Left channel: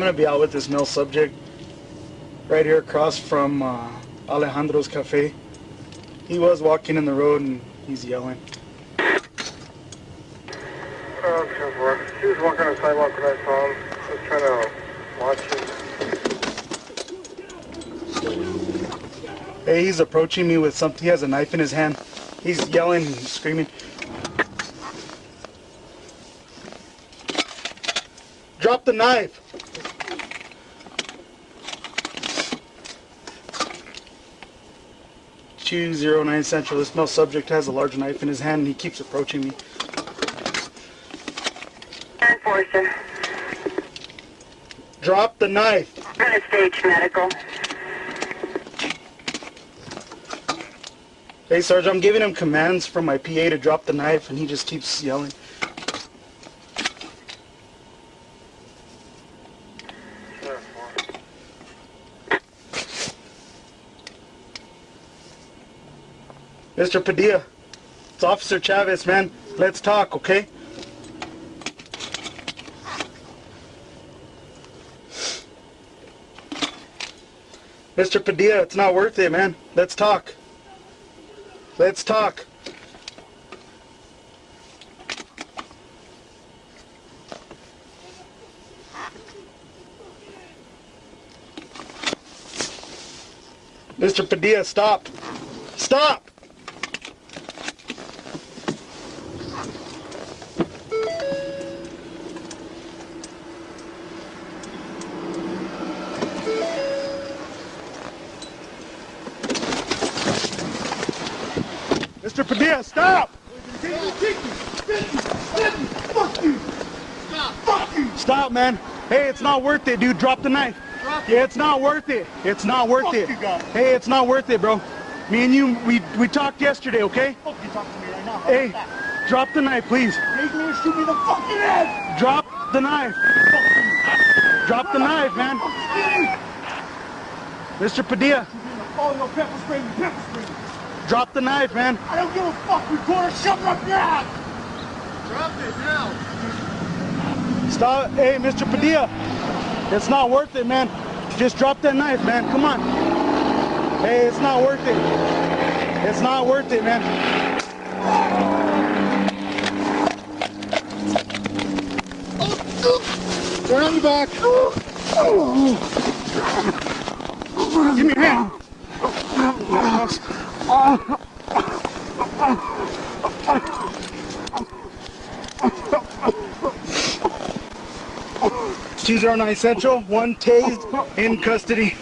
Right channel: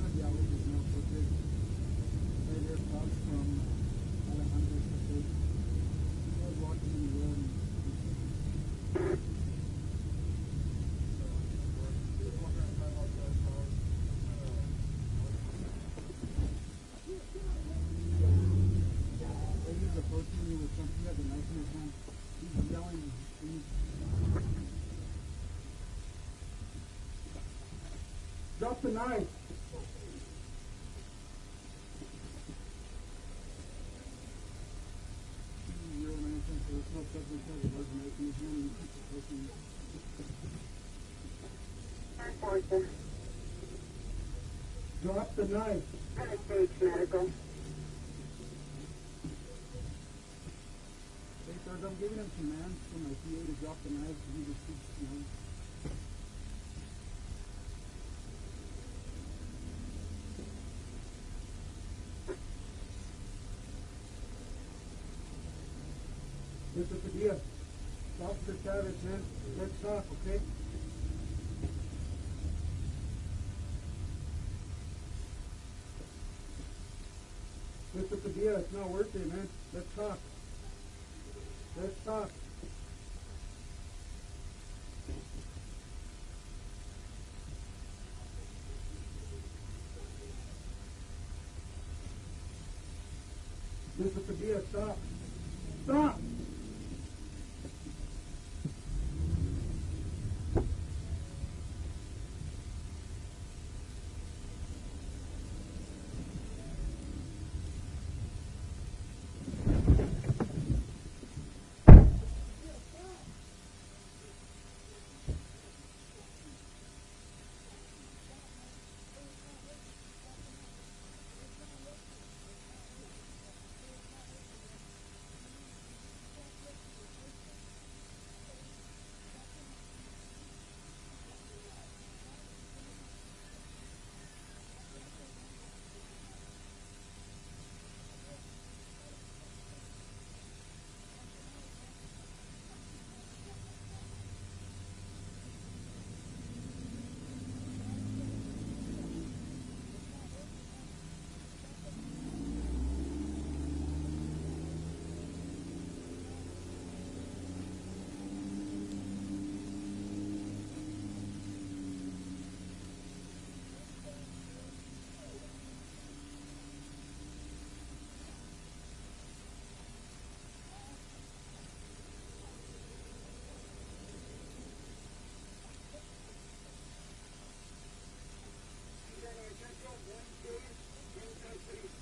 gonna be out with this male subject right here across from Alejandro's Cafe. He was walking in the road and he's yelling. He was walking on the sidewalk when I saw him. I was trying to watch him. Hey, he's approaching me with something. He has a knife in his hand. He's yelling and screaming. Drop the knife. 209 Central. This male subject has a large knife in his hand and he keeps approaching me. Enforcer. Drop the knife. I'm gonna stage medical. Hey, Sarge, I'm giving him commands from my PA to drop the knife and he just keeps yelling. Mr. Padilla, it's Officer Chavez, man. Let's talk, okay? Mr. Padilla, it's not worth it, man. Let's talk. Let's talk. Mr. Padilla, stop. Stop! Mr. Padilla, stop! Fuck you! Fuck you! Stop, man. Hey, it's not worth it, dude. Drop the knife. Yeah, it's not worth it. It's not worth it. Hey, it's not worth it, bro. Me and you, we talked yesterday, okay? Fuck you talking to me right now. Hey, drop the knife, please. You're gonna shoot me in the fucking head! Drop the knife. Drop the knife, man. Mr. Padilla. Oh, no, pepper spray. Drop the knife, man. I don't give a fuck, recorder, shove it up your ass! Drop it now. Stop. Hey, Mr. Padilla. It's not worth it, man. Just drop that knife, man. Come on. Hey, it's not worth it. It's not worth it, man. Turn on your back. Give me your hand. 209 Central, one tased in custody.